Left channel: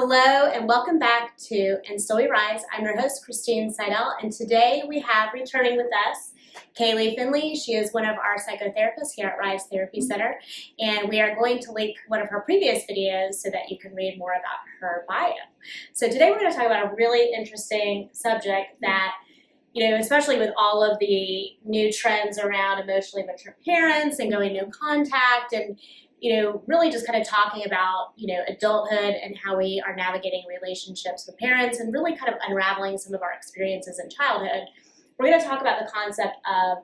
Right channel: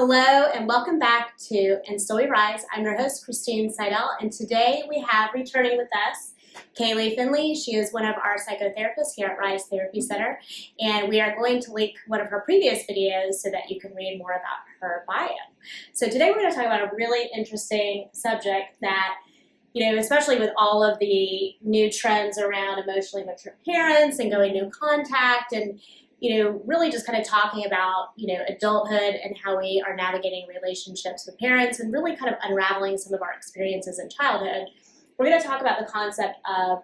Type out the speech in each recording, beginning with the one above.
Hello and welcome back to And Still We Rise. I'm your host, Christine Seidel, and today we have returning with us Kaylee Finley. She is one of our psychotherapists here at Rise Therapy Center, and we are going to link one of her previous videos so that you can read more about her bio. So today we're going to talk about a really interesting subject that, especially with all of the new trends around emotionally mature parents and going no contact and really just kind of talking about, adulthood and how we are navigating relationships with parents and really kind of unraveling some of our experiences in childhood. We're going to talk about the concept of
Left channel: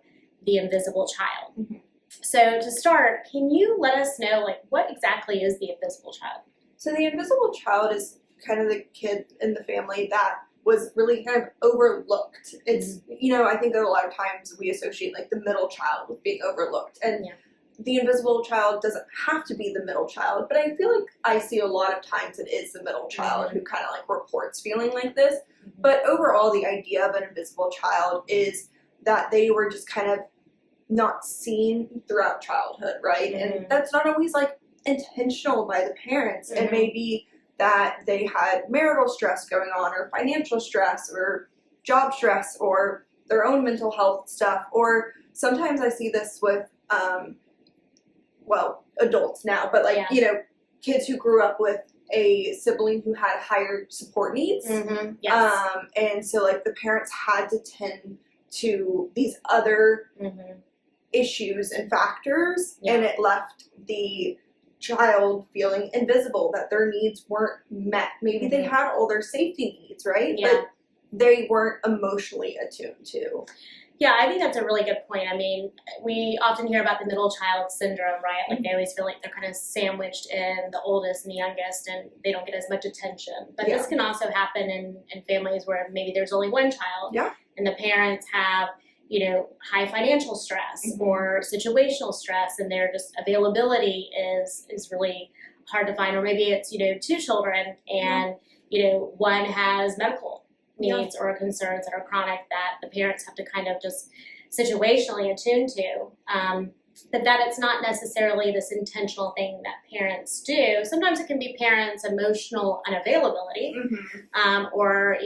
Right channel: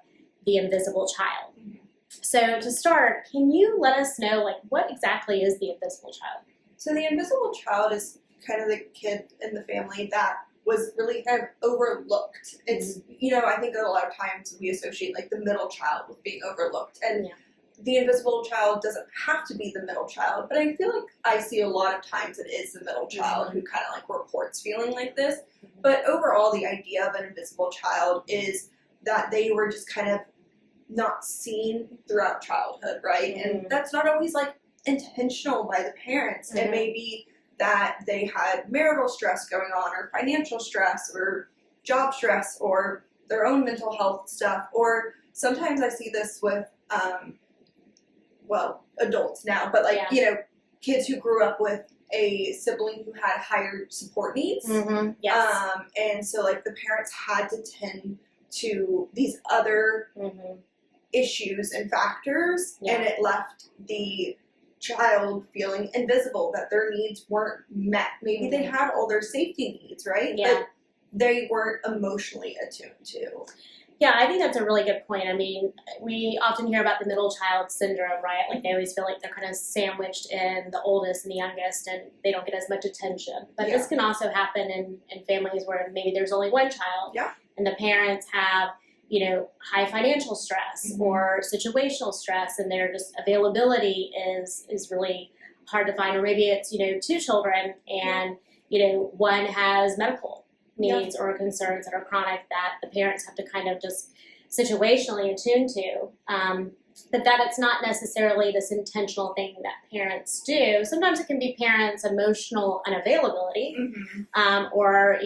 the invisible child. Mm-hmm. So to start, can you let us know, what exactly is the invisible child? So the invisible child is kind of the kid in the family that was really kind of overlooked. It's, I think that a lot of times we associate the middle child with being overlooked. And the invisible child doesn't have to be the middle child, but I feel like I see a lot of times it is the middle child who kind of reports feeling like this. Mm-hmm. But overall, the idea of an invisible child is that they were just kind of not seen throughout childhood, right? Mm-hmm. And that's not always intentional by the parents. Mm-hmm. It may be that they had marital stress going on, or financial stress, or job stress, or their own mental health stuff. Or sometimes I see this with adults now, but kids who grew up with a sibling who had higher support needs. Mm-hmm. Yes. And so the parents had to tend to these other issues and factors, and it left the child feeling invisible, that their needs weren't met. Maybe they had all their safety needs, right? Yeah. But they weren't emotionally attuned to. Yeah, I think that's a really good point. I mean, we often hear about the middle child syndrome, right? They always feel like they're kind of sandwiched in the oldest and the youngest, and they don't get as much attention. But this can also happen in families where maybe there's only one child, and the parents have, high financial stress or situational stress, and their just availability is really hard to find. Or maybe it's, two children, and, one has medical needs or concerns that are chronic that the parents have to kind of just situationally attune to, but that it's not necessarily this intentional thing that parents do. Sometimes it can be parents' emotional unavailability, or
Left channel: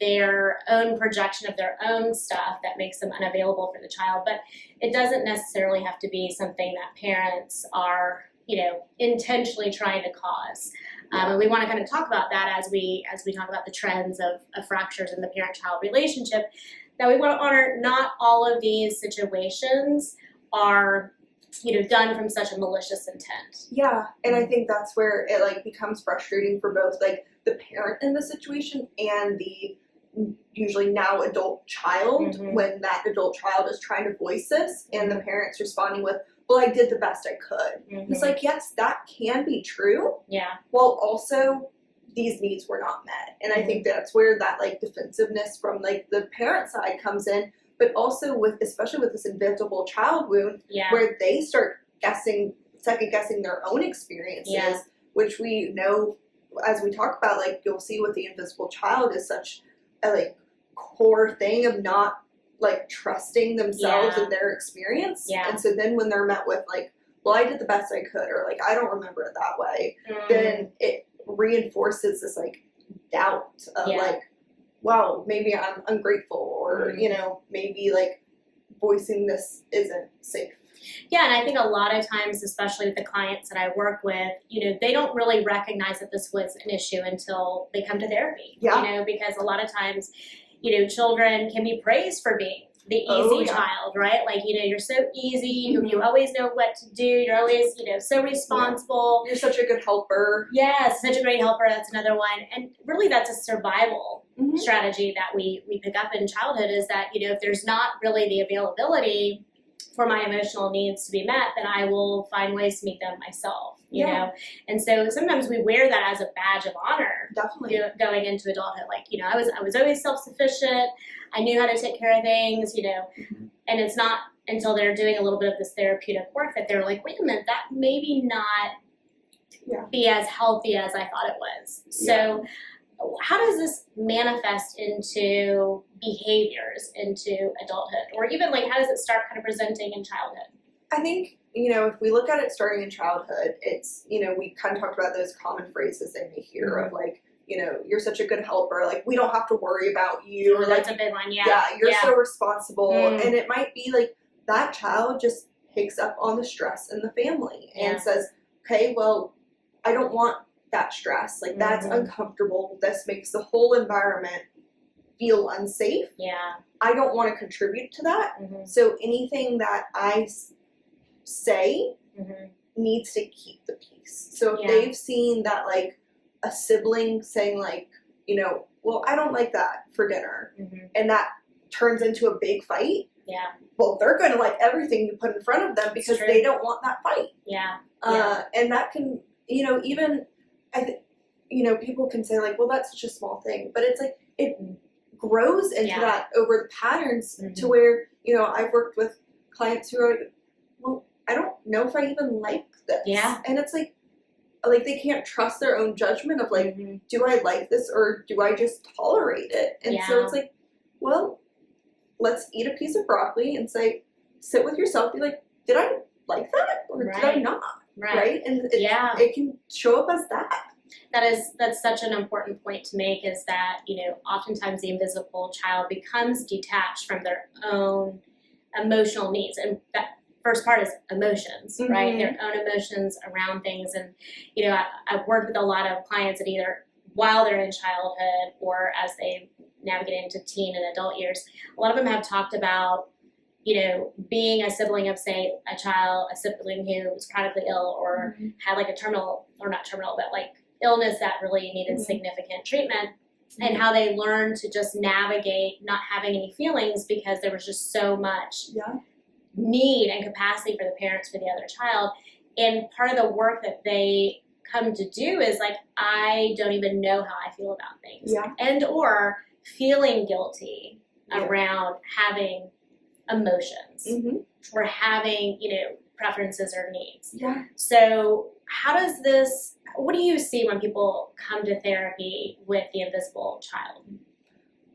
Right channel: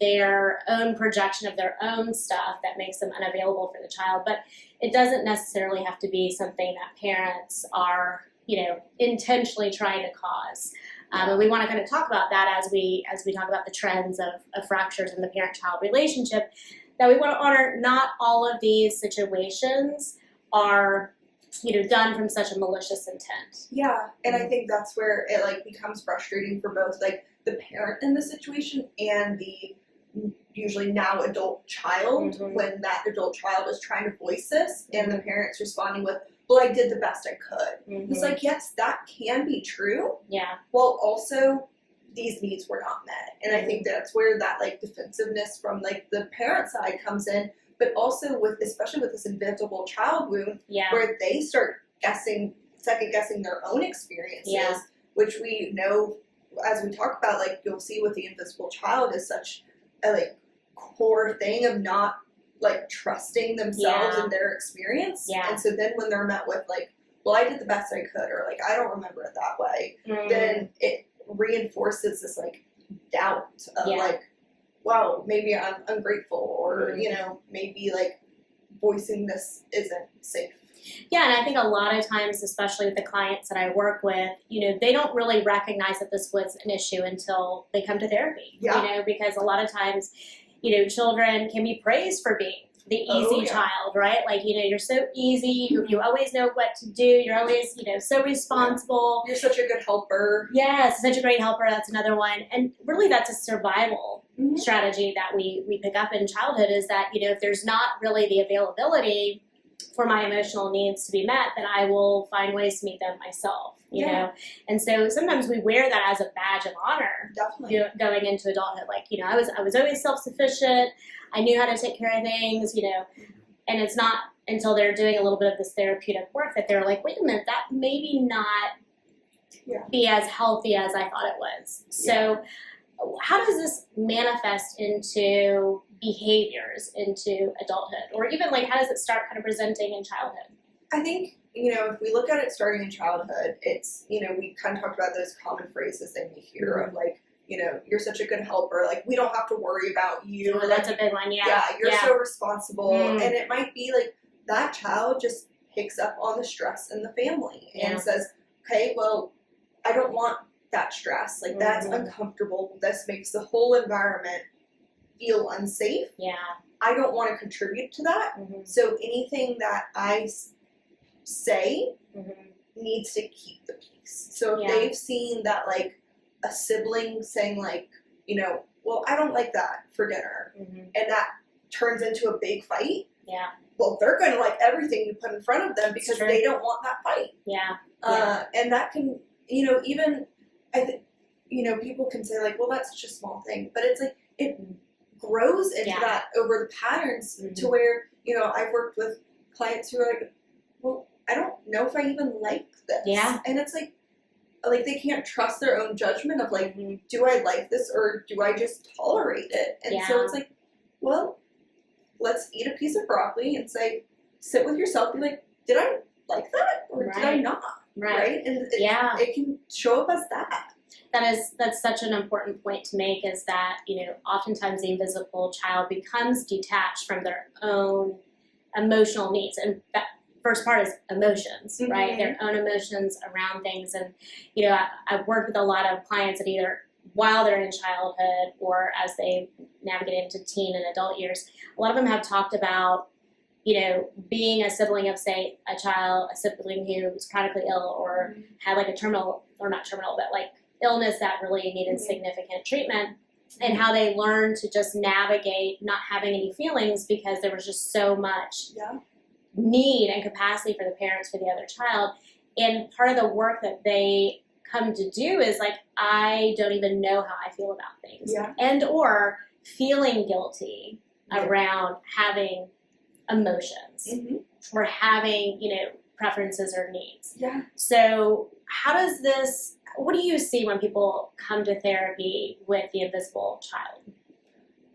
their own projection of their own stuff that makes them unavailable for the child, but it doesn't necessarily have to be something that parents are intentionally trying to cause. And we want to kind of talk about that as we talk about the trends of fractures in the parent-child relationship, that we want to honor not all of these situations are, done from such a malicious intent. Yeah, and I think that's where it becomes frustrating for both the parent in the situation and the usually now adult child, when that adult child is trying to voice this and the parent's responding with, well, I did the best I could. It's yes, that can be true. Yeah. While also these needs were not met. And I think that's where that defensiveness from the parent side comes in, but also especially with this invisible child wound, where they start second guessing their own experiences, which we know, as we talk about, you'll see with the invisible child is such a core thing of not trusting themselves and their experience. Yeah. And so then when they're met with well, I did the best I could, or I don't remember it that way, then it reinforces this doubt of wow, maybe I'm ungrateful, or maybe voicing this isn't safe. Yeah, and I think a lot of times, especially with the clients that I work with, they don't really recognize that this was an issue until they come to therapy. Yeah. Because a lot of times, children can be praised for being the easy child, right? You're so easy, you always know what to do, you're always, so responsible. You're such a good helper. Yes, such a great helper, that's another one. And really that's a survival strategy that we pick up in childhood, is that, if there's not really the availability for my emotional needs to be met, then I will find ways to meet them myself, you know? And so sometimes we wear that as a badge of honor. Definitely. Going into adulthood. I was always self-sufficient. I knew how to take care of things, and it's not until they're doing a little bit of this therapeutic work that they're like, wait a minute, that maybe not be as healthy as I thought it was. So how does this manifest into behaviors into adulthood, or even how does it start kind of presenting in childhood? I think, you know, if we look at it starting in childhood, it's, you know, we kind of talked about those common phrases that we hear of like, you know, you're such a good helper, like we don't have to worry about you. Oh, Or that's like, a big one, yeah. Yeah, you're so responsible. Mm. And it might be like that child just picks up on the stress in the family and says, okay, well, I don't want that stress. Like that's uncomfortable. This makes the whole environment feel unsafe. Yeah. I don't want to contribute to that. So anything that I say needs to keep the peace. So if they've seen that, like a sibling saying like, you know, well, I don't like that for dinner, and that turns into a big fight. Yeah. Well, they're going to like everything you put in front of them because they don't want that fight. Yeah. And that can, you know, even I think, you know, people can say like, well, that's such a small thing, but it's like it grows into that over the patterns to where, you know, I've worked with clients who are like, well, I don't know if I even like this. Yeah. And it's like they can't trust their own judgment of like, do I like this or do I just tolerate it? And so it's like, well, let's eat a piece of broccoli and say, sit with yourself, be like, did I like that or did I not? Right. And it can show up as that. That's such an important point to make, is that, you know, oftentimes the invisible child becomes detached from their own emotional needs. And that first part is emotions, right? Their own emotions around things. And, you know, I've worked with a lot of clients that either while they're in childhood or as they navigate into teen and adult years, a lot of them have talked about, you know, being a sibling of, say, a sibling who was chronically ill or had like a terminal, or not terminal, but like illness that really needed significant treatment, and how they learned to just navigate not having any feelings because there was just so much need and capacity for the parents for the other child. And part of the work that they come to do is like, I don't even know how I feel about things, and or feeling guilty around having emotions or having, you know, preferences or needs. Yeah. So what do you see when people come to therapy with the invisible child?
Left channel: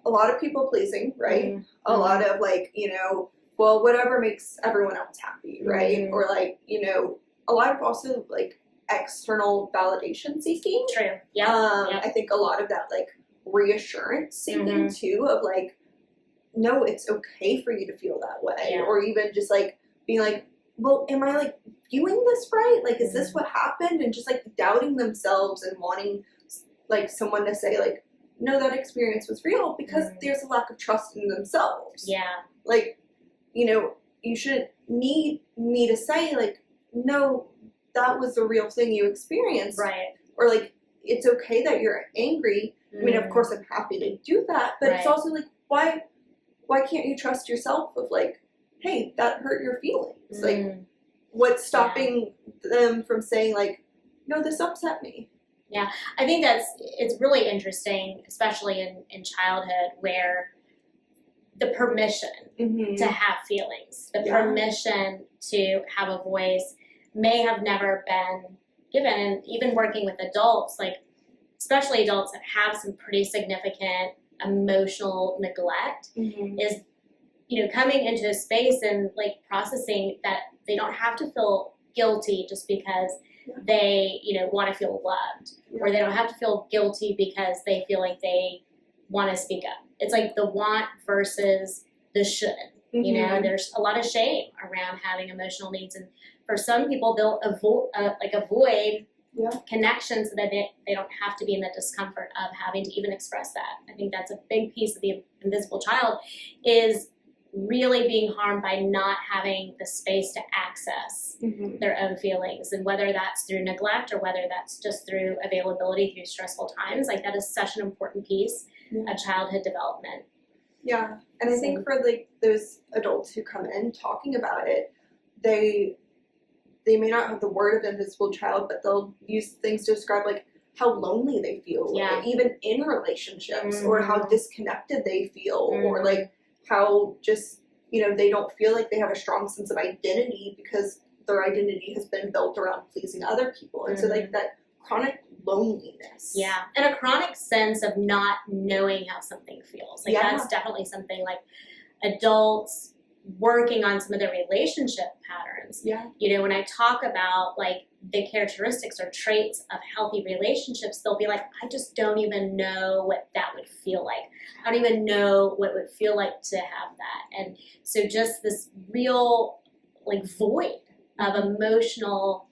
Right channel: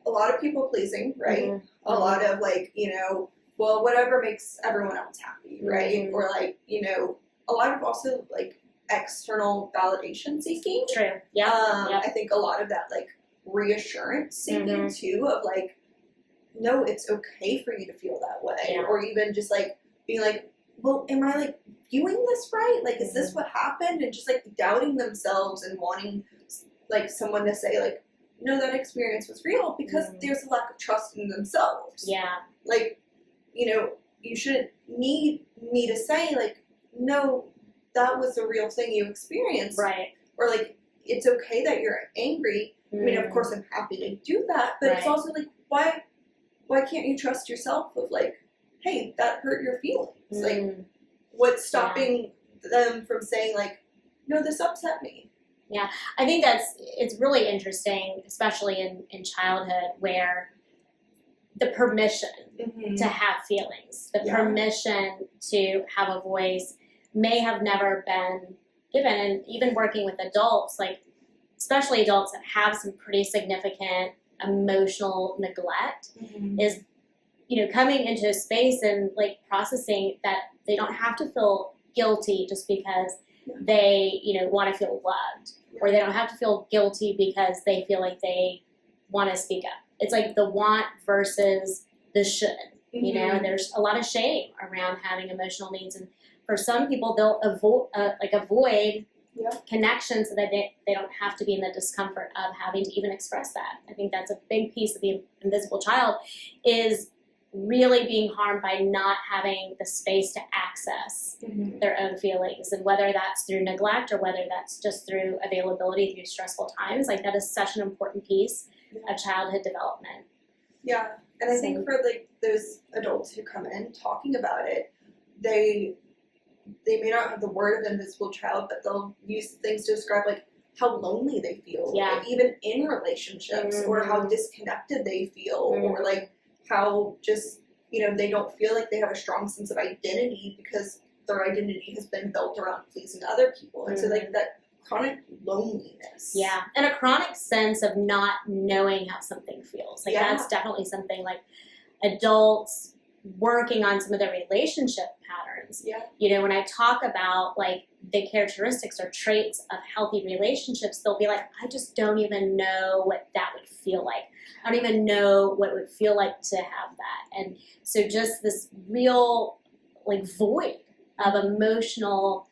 A lot of people pleasing, right? A lot of like, you know, well, whatever makes everyone else happy, right? Or like, you know, a lot of also like external validation seeking. True. Yeah. I think a lot of that like reassurance seeking too, of like, no, it's okay for you to feel that way. Or even just like being like, well, am I like viewing this right? Like, is this what happened? And just like doubting themselves and wanting like someone to say like, no, that experience was real, because there's a lack of trust in themselves. Yeah. Like, you know, you shouldn't need me to say like, no, that was a real thing you experienced. Right. Or like, it's okay that you're angry. I mean, of course I'm happy to do that, but it's also like, why can't you trust yourself of like, hey, that hurt your feelings? Like, what's stopping them from saying like, no, this upset me? Yeah, I think it's really interesting, especially in childhood, where the permission to have feelings, the permission to have a voice may have never been given. And even working with adults, like especially adults that have some pretty significant emotional neglect, is, you know, coming into a space and like processing that they don't have to feel guilty just because they, you know, want to feel loved, or they don't have to feel guilty because they feel like they want to speak up. It's like the want versus the should, you know, and there's a lot of shame around having emotional needs. And for some people, they'll avoid connection so that they don't have to be in the discomfort of having to even express that. I think that's a big piece of the invisible child, is really being harmed by not having the space to access their own feelings, and whether that's through neglect or whether that's just through availability through stressful times. Like, that is such an important piece of childhood development. Yeah, and I think for like those adults who come in talking about it, they may not have the word of invisible child, but they'll use things to describe like how lonely they feel, like, even in relationships, or how disconnected they feel, or like how just, you know, they don't feel like they have a strong sense of identity because their identity has been built around pleasing other people. And so like that chronic loneliness. Yeah, and a chronic sense of not knowing how something feels. Like that's definitely something like adults working on some of the relationship patterns. Yeah. You know, when I talk about like the characteristics or traits of healthy relationships, they'll be like, I just don't even know what that would feel like. I don't even know what it would feel like to have that. And so just this real like void of emotional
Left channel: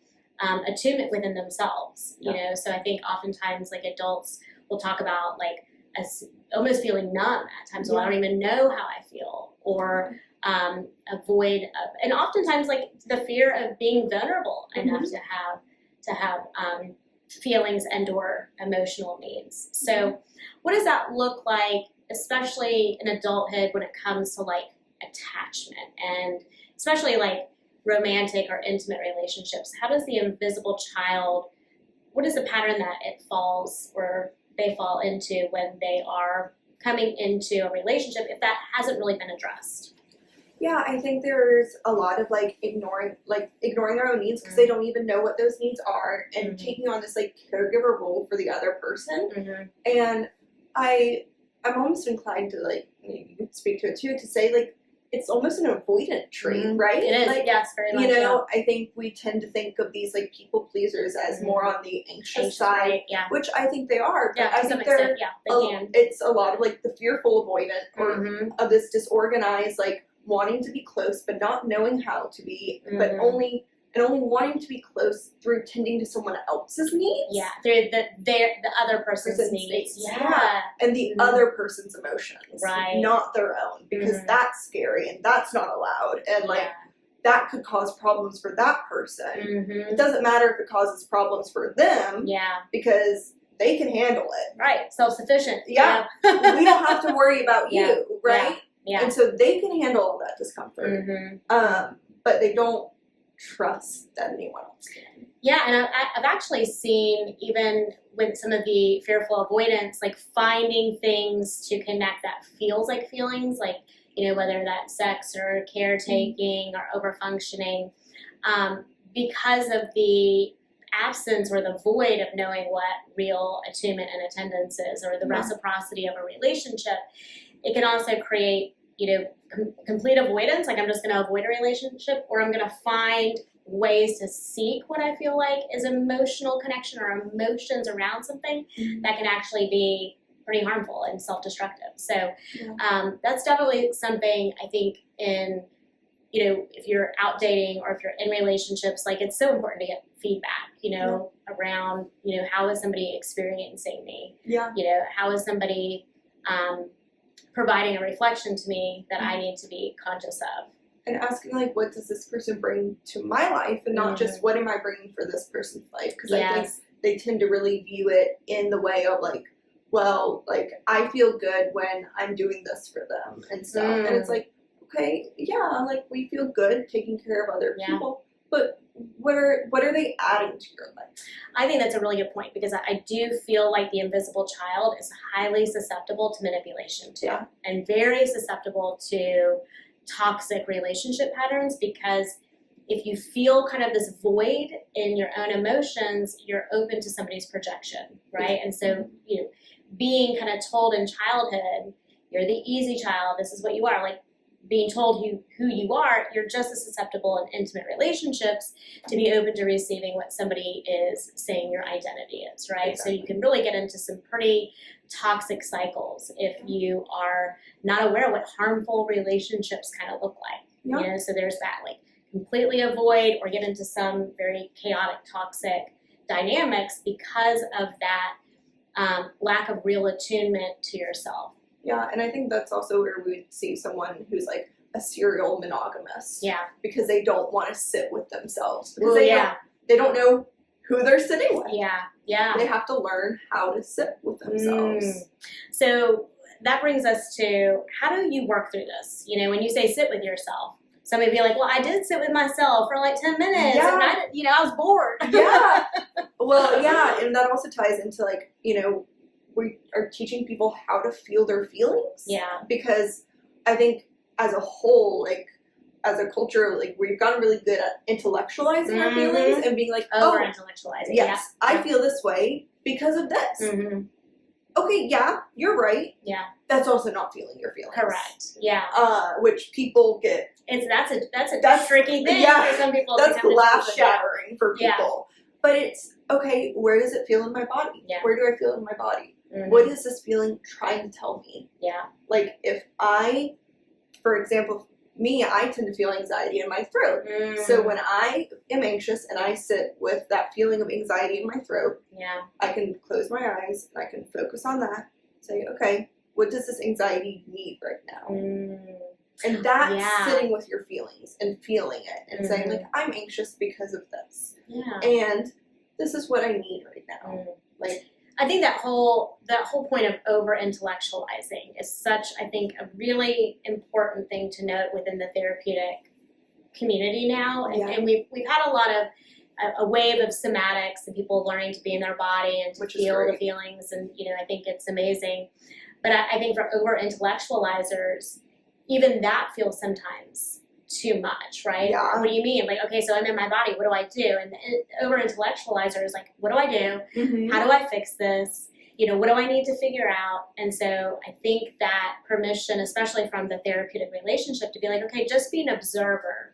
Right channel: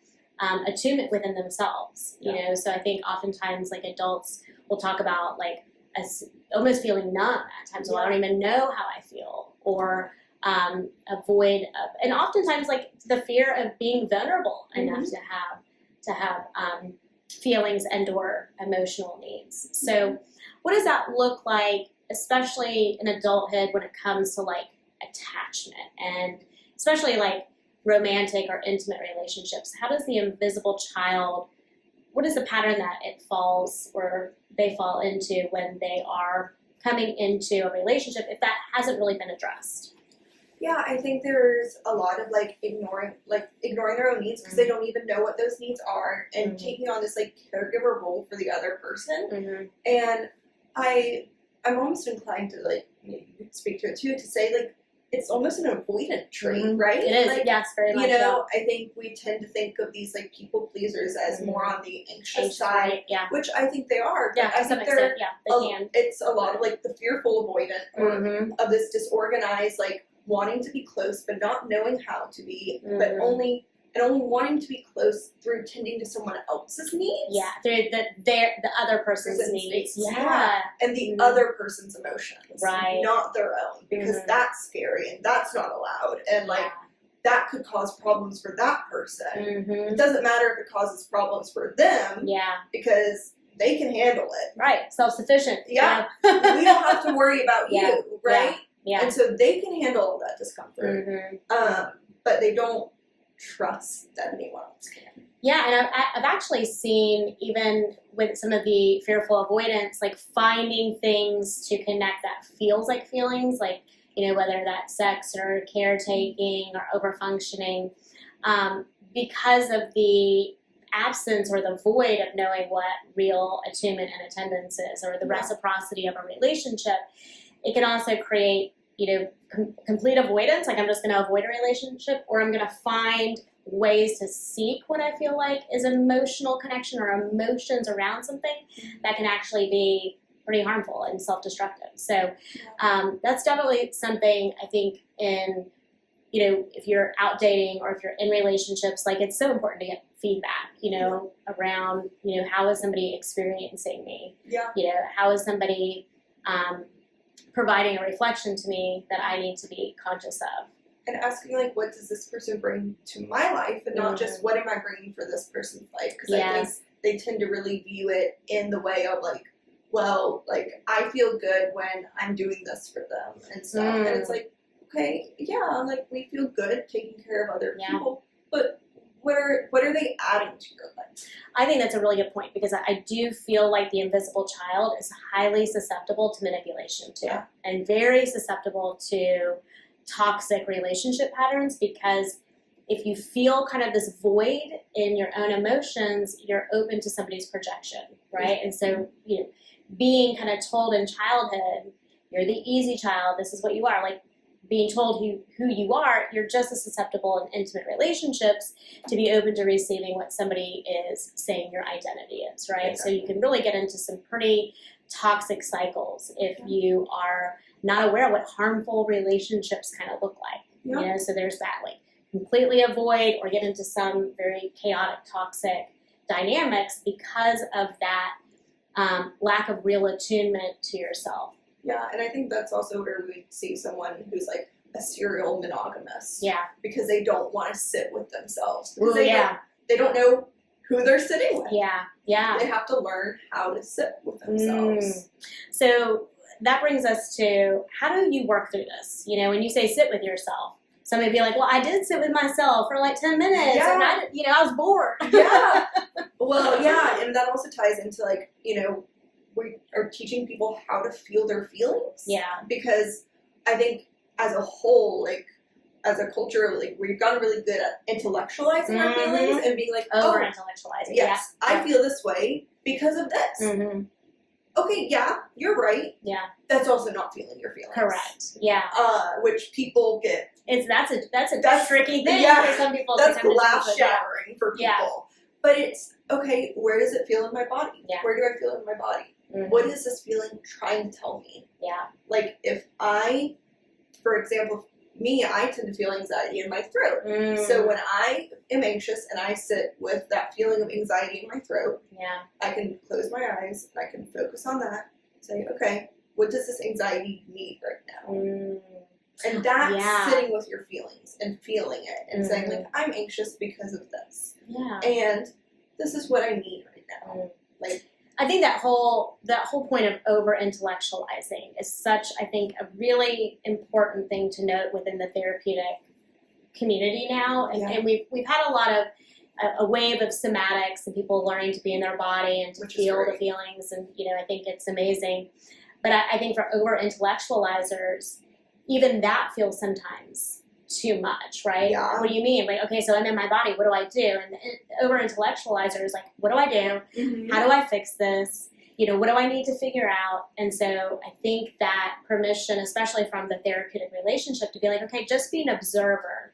attunement within themselves, you know. So I think oftentimes like adults will talk about like almost feeling numb at times. Well, I don't even know how I feel, or a void of, and oftentimes like the fear of being vulnerable enough to have feelings and or emotional needs. So what does that look like, especially in adulthood, when it comes to like attachment, and especially like romantic or intimate relationships? How does the invisible child, what is the pattern that it falls or they fall into when they are coming into a relationship, if that hasn't really been addressed? Yeah, I think there's a lot of like ignoring their own needs because they don't even know what those needs are, and taking on this like caregiver role for the other person. And I'm almost inclined to like, maybe you speak to it too, to say like it's almost an avoidant trait, right? It is, like, yes, very much. You know, I think we tend to think of these like people pleasers as more on the anxious side, right, yeah. which I think they are. Yeah, I to some think extent, yeah, they can. It's a lot of like the fearful-avoidant or of this disorganized, like wanting to be close but not knowing how to be, but only wanting to be close through tending to someone else's needs. Yeah, through the other person's needs. Yeah. And the other person's emotions. Right. Not their own. Because that's scary and that's not allowed. And like that could cause problems for that person. It doesn't matter if it causes problems for them. Yeah. Because they can handle it. Right. Self-sufficient. Yeah. We don't have to worry about you, right? Yeah. And so they can handle all that discomfort. But they don't trust that anyone else can. Yeah, and I've actually seen, even with some of the fearful avoidance, like finding things to connect that feels like feelings, like, you know, whether that's sex or caretaking or overfunctioning, because of the absence or the void of knowing what real attunement and attendance is, or the reciprocity of a relationship. It can also create, you know, complete avoidance, like I'm just going to avoid a relationship, or I'm going to find ways to seek what I feel like is emotional connection or emotions around something that can actually be pretty harmful and self-destructive. So that's definitely something I think in, you know, if you're out dating or if you're in relationships, like it's so important to get feedback, you know, around, you know, how is somebody experiencing me? Yeah. You know, how is somebody providing a reflection to me that I need to be conscious of. And asking, like, what does this person bring to my life, and not just what am I bringing for this person's life? Because I think they tend to really view it in the way of, like, well, like, I feel good when I'm doing this for them and stuff. And it's like, okay, yeah, like, we feel good taking care of other people, but what are they adding to your life? I think that's a really good point, because I do feel like the invisible child is highly susceptible to manipulation too, and very susceptible to toxic relationship patterns, because if you feel kind of this void in your own emotions, you're open to somebody's projection, right? And so, you know, being kind of told in childhood, you're the easy child, this is what you are, like being told who you are, you're just as susceptible in intimate relationships to be open to receiving what somebody is saying your identity is, right? Exactly. So you can really get into some pretty toxic cycles if you are not aware of what harmful relationships kind of look like. You know, so there's that, like, completely avoid or get into some very chaotic, toxic dynamics because of that lack of real attunement to yourself. Yeah, and I think that's also where we see someone who's like a serial monogamous. Yeah. Because they don't want to sit with themselves. Because Well, they don't know who they're sitting with. Yeah, yeah. They have to learn how to sit with themselves. So that brings us to, how do you work through this? You know, when you say sit with yourself, somebody be like, well, I did sit with myself for like 10 minutes and I was bored. Yeah. Well, yeah, and that also ties into, like, you know, we are teaching people how to feel their feelings. Yeah. Because I think as a whole, like, as a culture, like, we've gotten really good at intellectualizing our feelings and being like, over-intellectualizing. Yes, I feel this way because of this. okay, yeah, you're right. Yeah. That's also not feeling your feelings. Correct. Yeah. Which people get. That's a tricky thing for some people. That's to come to glass terms with. shattering for people. But it's, okay, where does it feel in my body? Yeah. Where do I feel in my body? Mm-hmm. What is this feeling trying to tell me? Yeah. Like, if I, for example, I tend to feel anxiety in my throat. So when I am anxious and I sit with that feeling of anxiety in my throat, I can close my eyes and I can focus on that. Say, okay, what does this anxiety need right now? And that's sitting with your feelings and feeling it and saying, like, I'm anxious because of this. Yeah. And this is what I need right now. Like, I think that whole point of over-intellectualizing is such, I think, a really important thing to note within the therapeutic community now. And we've had a lot of a wave of somatics and people learning to be in their body and to feel the feelings, and I think it's amazing. But I think for over-intellectualizers, even that feels sometimes too much, right? Yeah. What do you mean? Like, okay, so I'm in my body, what do I do? And over-intellectualizer is like, what do I do? How do I fix this? What do I need to figure out? And so I think that permission, especially from the therapeutic relationship, to be like, okay, just be an observer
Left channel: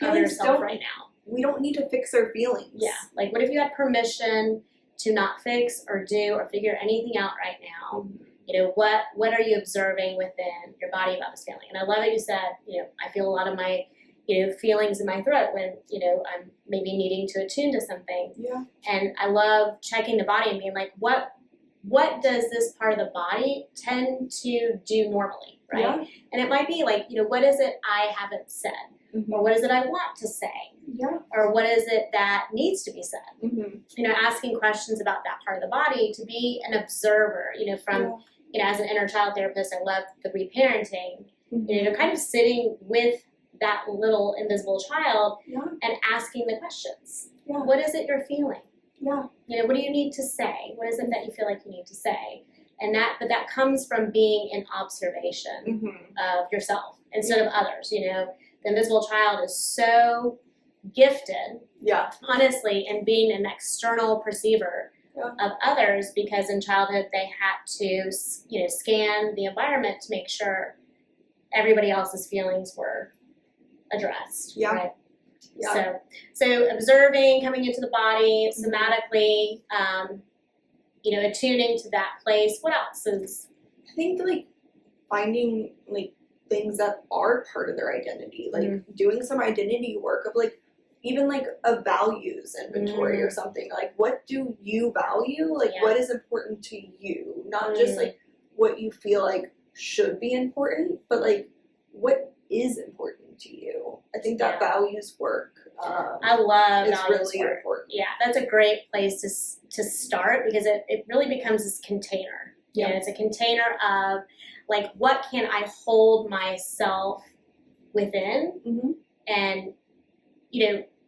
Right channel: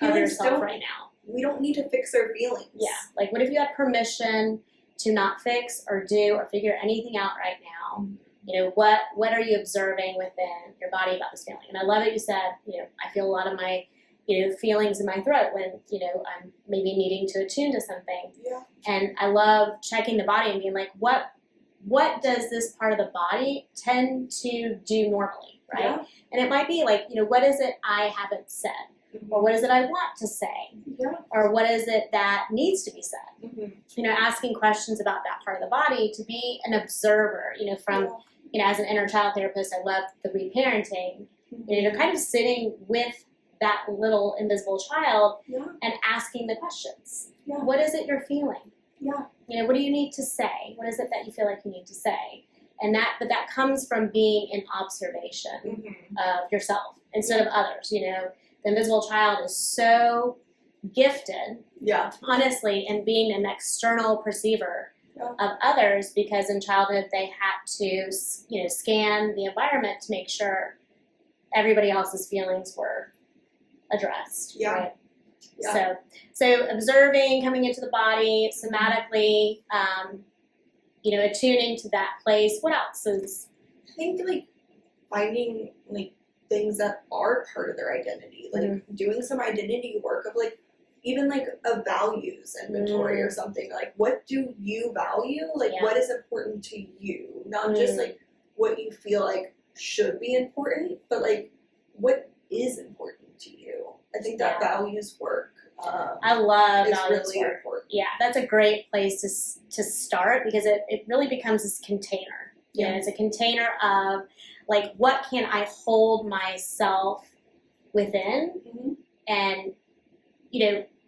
of yourself right now. We don't need to fix our feelings. Yeah. Like, what if you had permission to not fix or do or figure anything out right now? What are you observing within your body about this feeling? And I love it you said, I feel a lot of my, feelings in my throat when, I'm maybe needing to attune to something. Yeah. And I love checking the body and being like, what does this part of the body tend to do normally, right? Yeah. And it might be like, what is it I haven't said? Or what is it I want to say? Yeah. Or what is it that needs to be said? Asking questions about that part of the body to be an observer, from... as an inner child therapist, I love the reparenting, kind of sitting with that little invisible child and asking the questions. Yeah. What is it you're feeling? Yeah. What do you need to say? What is it that you feel like you need to say? But that comes from being in observation of yourself instead of others. The invisible child is so gifted, honestly, in being an external perceiver of others, because in childhood they had to, scan the environment to make sure everybody else's feelings were addressed. Yeah. Right? Yeah. So observing, coming into the body, somatically, attuning to that place. What else is? I think finding things that are part of their identity, doing some identity work of even a values inventory or something. Like, what do you value? What is important to you? Not just what you feel like should be important, but what is important to you. I think that values work. I love values really work. Important. Yeah, that's a great place to start, because it really becomes this container. It's a container of what can I hold myself within, and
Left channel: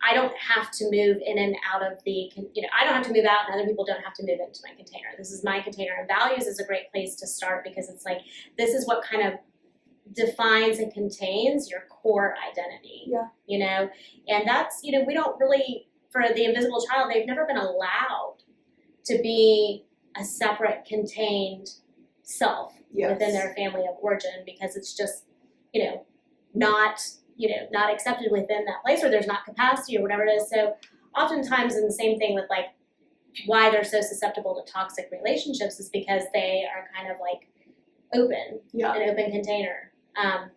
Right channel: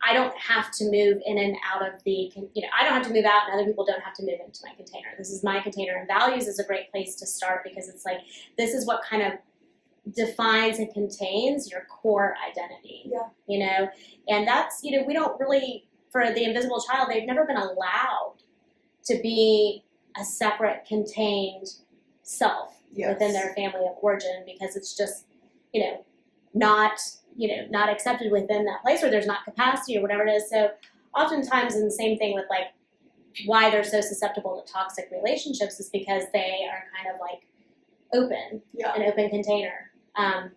I don't have to move in and out of the, I don't have to move out, and other people don't have to move into my container. This is my container, and values is a great place to start, because it's this is what kind of defines and contains your core identity. Yeah. And that's, we don't really, for the invisible child, they've never been allowed to be a separate, contained self within their family of origin, because it's just, not accepted within that place, or there's not capacity or whatever it is. So oftentimes, and the same thing with why they're so susceptible to toxic relationships, is because they are kind of open, an open container. And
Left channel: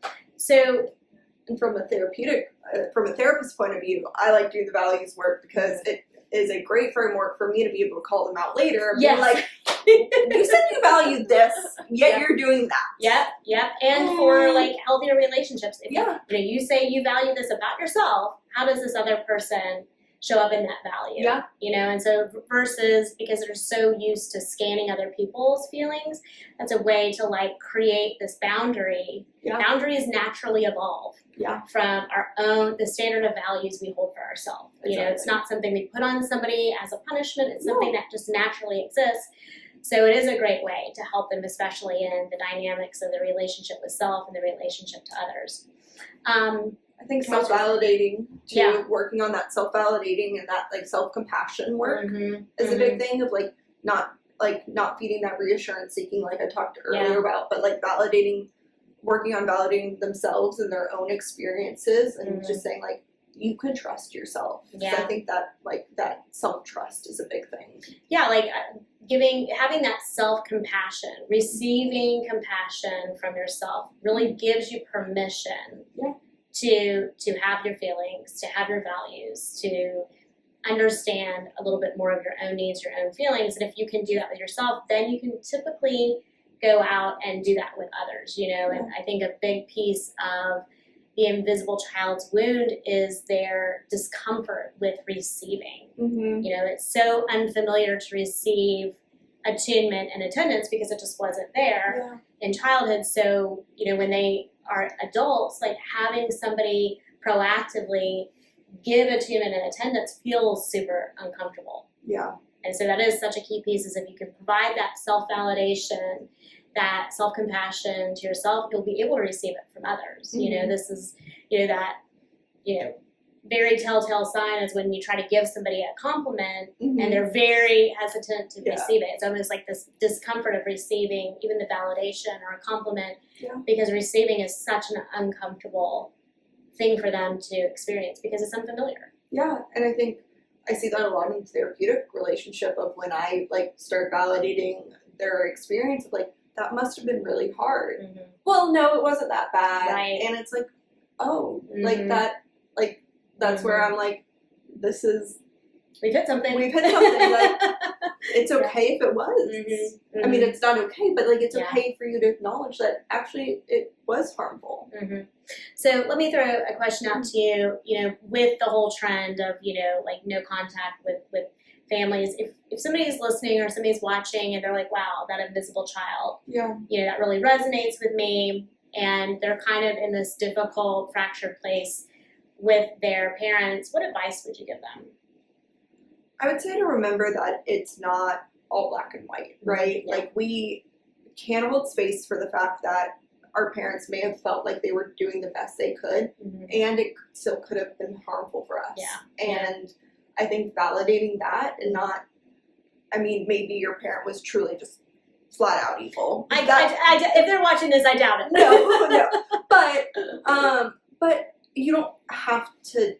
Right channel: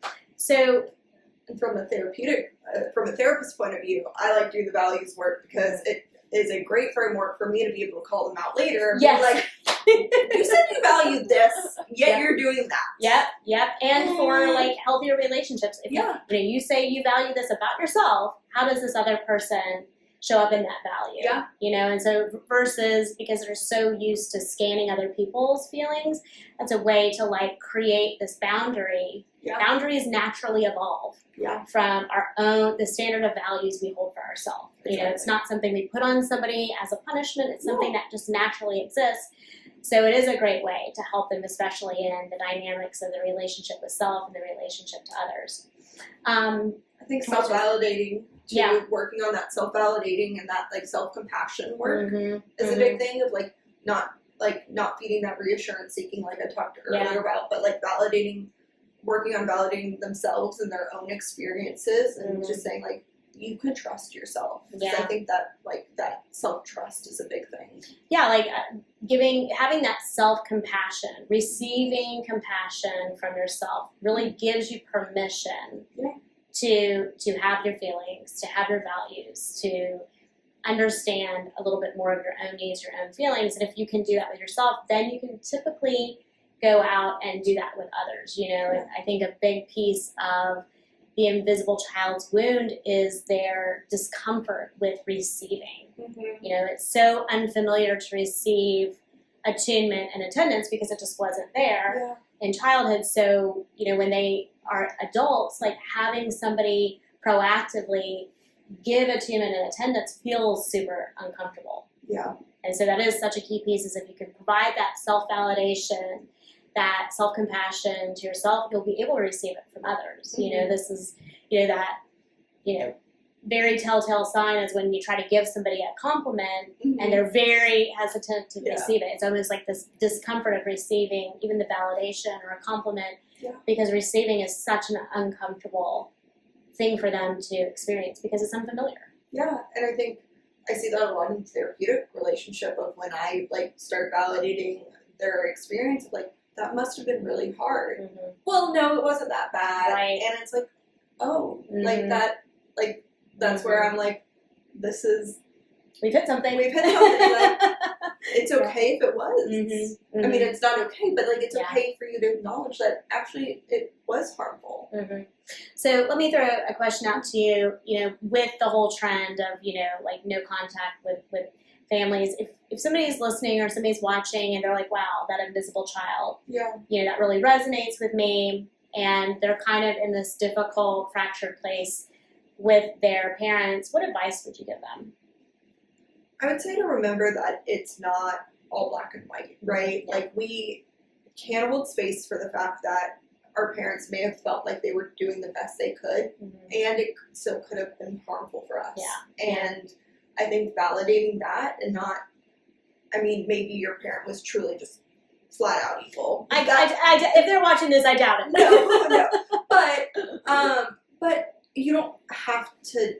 from a therapist's point of view, I like doing the values work because it is a great framework for me to be able to call them out later. Yes. You said you valued this, yet you're doing that. Yep. And for healthier relationships, if you say you value this about yourself, how does this other person show up in that value? Yeah. And so versus, because they're so used to scanning other people's feelings, that's a way to create this boundary. Yeah. Boundaries naturally evolve. Yeah. From the standard of values we hold for ourselves. Exactly. It's not something we put on somebody as a punishment. It's something that just naturally exists. So it is a great way to help them, especially in the dynamics of the relationship with self and the relationship to others. I think self-validating, too, working on that self-validating and that self-compassion work is a big thing of not like not feeding that reassurance seeking like I talked earlier about, but like working on validating themselves and their own experiences and just saying like, you can trust yourself. Yeah. I think that like that self-trust is a big thing. Yeah, like having that self-compassion, receiving compassion from yourself really gives you permission to have your feelings, to have your values, to understand a little bit more of your own needs, your own feelings. And if you can do that with yourself, then you can typically go out and do that with others, you know. And I think a big piece of the invisible child's wound is their discomfort with receiving. You know, it's so unfamiliar to receive attunement and attendance because it just wasn't there in childhood. So, you know, when they are adults, like having somebody proactively give attunement and attendance feels super uncomfortable. Yeah. And so that is such a key piece, is if you can provide that self-validation, that self-compassion to yourself, you'll be able to receive it from others. You know, this is, you know, that, you know, very telltale sign is when you try to give somebody a compliment and they're very hesitant to receive it. It's almost like this discomfort of receiving even the validation or a compliment because receiving is such an uncomfortable thing for them to experience because it's unfamiliar. Yeah, and I think I see that a lot in therapeutic relationship of when I like start validating their experience of like, that must have been really hard. Well, no, it wasn't that bad. Right. And it's like, oh, like that, like, that's where I'm like, this is... We've hit something. Like, it's okay if it was. I mean, it's not okay, but like, it's okay for you to acknowledge that actually it was harmful. So let me throw a question out to you, you know, with the whole trend of, you know, like no contact with families, if somebody's listening or somebody's watching and they're like, wow, that invisible child, you know, that really resonates with me, and they're kind of in this difficult, fractured place with their parents, what advice would you give them? I would say to remember that it's not all black and white, right? Like, we can hold space for the fact that our parents may have felt like they were doing the best they could, and it still could have been harmful for us. And I think validating that and not, I mean, maybe your parent was truly just flat out evil. If they're watching this, I doubt it. No. But you don't have to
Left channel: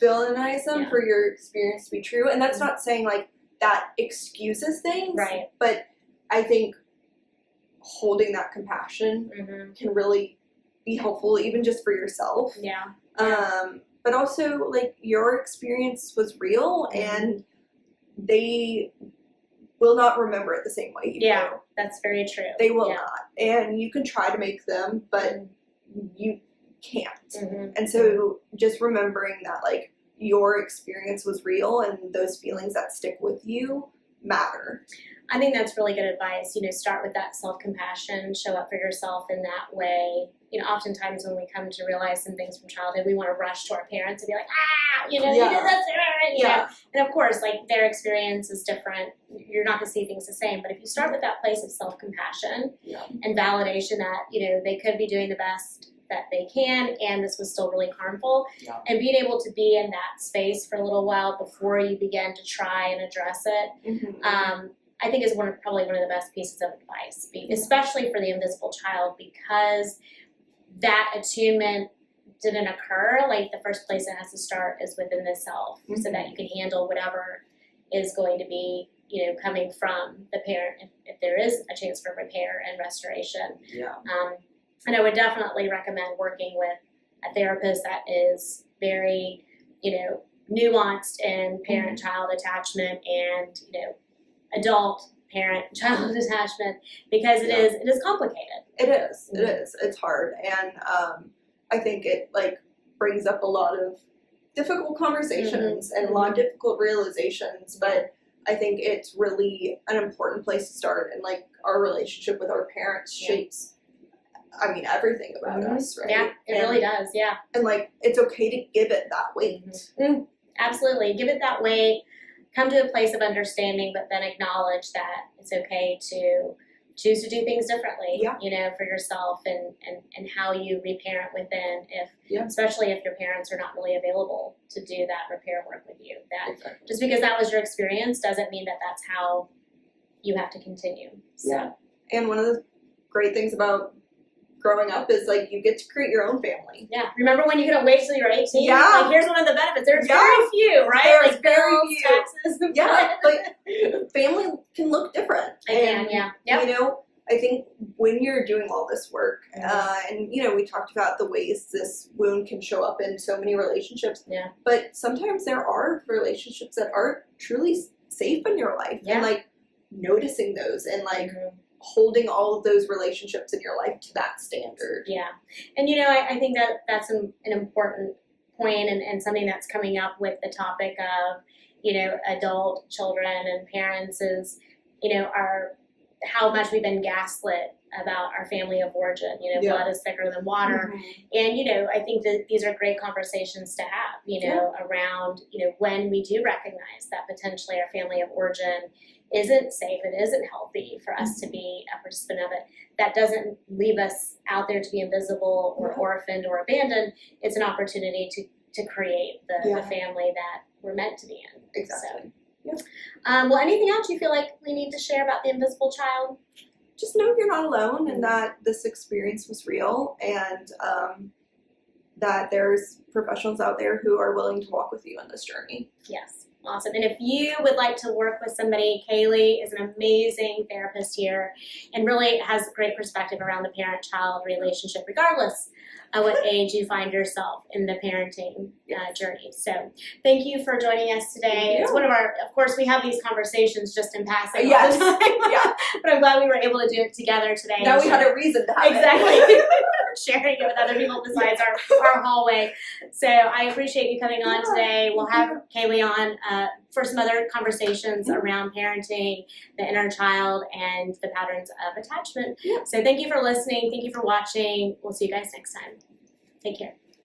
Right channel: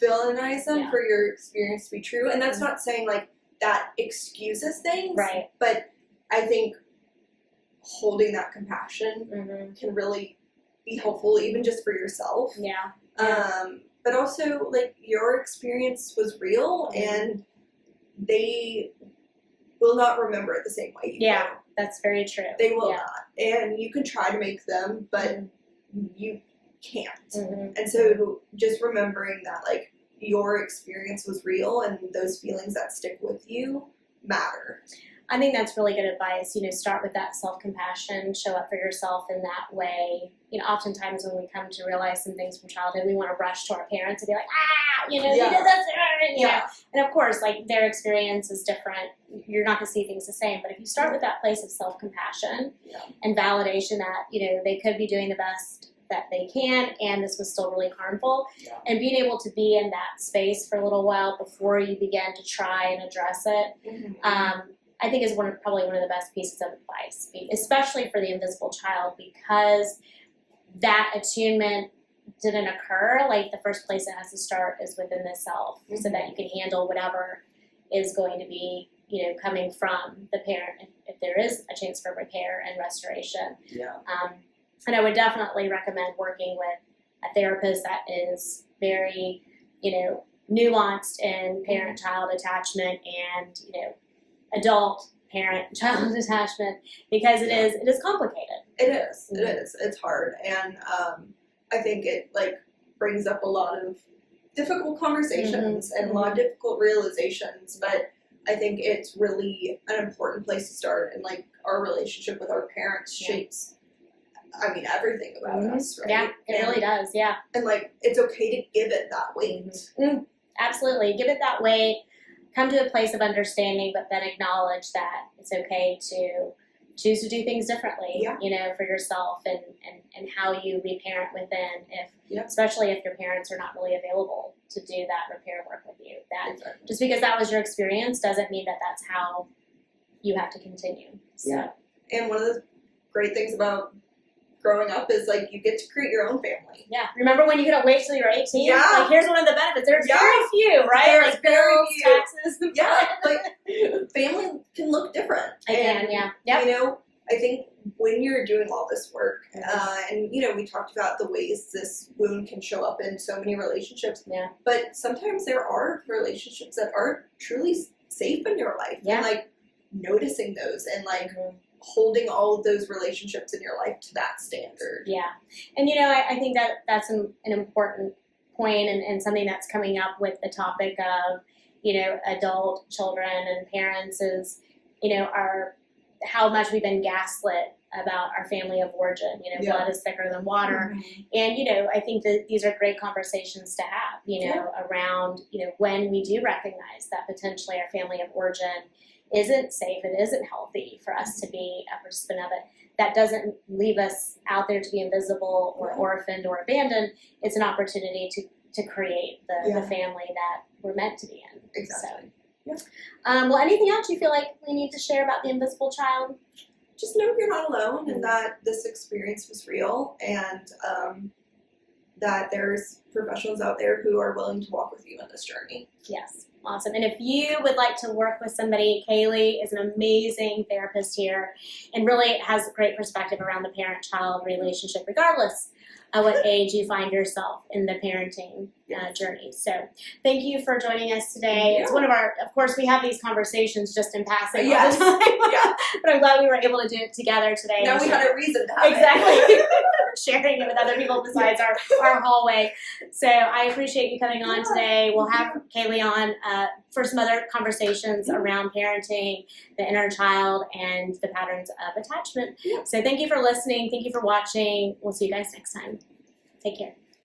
villainize them for your experience to be true. And that's not saying like that excuses things. Right. But I think holding that compassion can really be helpful, even just for yourself. But also, like, your experience was real, and they will not remember it the same way you do. That's very true. They will not. And you can try to make them, but you can't. And so just remembering that, like, your experience was real and those feelings that stick with you matter. I think that's really good advice. You know, start with that self-compassion, show up for yourself in that way. You know, oftentimes when we come to realize some things from childhood, we want to rush to our parents and be like, you know, you did this, you know. And of course, like, their experience is different. You're not going to see things the same. But if you start with that place of self-compassion and validation that, you know, they could be doing the best that they can, and this was still really harmful, and being able to be in that space for a little while before you begin to try and address it, I think is probably one of the best pieces of advice, especially for the invisible child, because that attunement didn't occur. Like, the first place it has to start is within the self, so that you can handle whatever is going to be, you know, coming from the parent, if there is a chance for repair and restoration. And I would definitely recommend working with a therapist that is very, you know, nuanced in parent-child attachment and, you know, adult parent-child attachment, because it is complicated. It is. It's hard, and I think it like brings up a lot of difficult conversations and a lot of difficult realizations. But I think it's really an important place to start, and like our relationship with our parents shapes, I mean, everything about us, right? Yeah, it really does. Yeah, and like, it's okay to give it that weight. Absolutely, give it that weight. Come to a place of understanding, but then acknowledge that it's okay to choose to do things differently, you know, for yourself, and how you reparent within, especially if your parents are not really available to do that repair work with you. That just because that was your experience doesn't mean that that's how you have to continue. So. Yeah. And one of the great things about growing up is like you get to create your own family. Yeah. Remember when you could wait till you're 18? Yeah. Like here's one of the benefits. There's Yeah. very few, right? There's like very bills, few. taxes. Yeah, but family can look different. Again, yeah. Yep. You know, I think when you're doing all this work, and you know, we talked about the ways this wound can show up in so many relationships. Yeah. But sometimes there are relationships that aren't truly safe in your life, Yeah. and like noticing those and like holding all of those relationships in your life to that standard. Yeah. And, you know, I think that that's an important point and something that's coming up with the topic of, you know, adult children and parents is, you know, how much we've been gaslit about our family of origin. You know, Yeah. blood is thicker than water. And, you know, I think that these are great conversations to have, you know, around, you know, when we do recognize that potentially our family of origin isn't safe, it isn't healthy for us to be a participant of it. That doesn't leave us out there to be invisible or orphaned or abandoned. It's an opportunity to create the family that we're meant to be in. Exactly. So. Well, anything else you feel like we need to share about the invisible child? Just know you're not alone and that this experience was real, and that there's professionals out there who are willing to walk with you on this journey. Yes. Awesome. And if you would like to work with somebody, Kaylee is an amazing therapist here and really has a great perspective around the parent-child relationship, regardless of what age you find yourself in the parenting journey. So thank you for joining us today. It's one of our, of course, we have these conversations just in passing all the time, but I'm glad we were able to do it together today. Now we had a reason to have it. Sharing it with other people besides our hallway. So I appreciate you coming on today. We'll have Kaylee on for some other conversations around parenting, the inner child, and the patterns of attachment. So thank you for listening. Thank you for watching. We'll see you guys next time. Take care.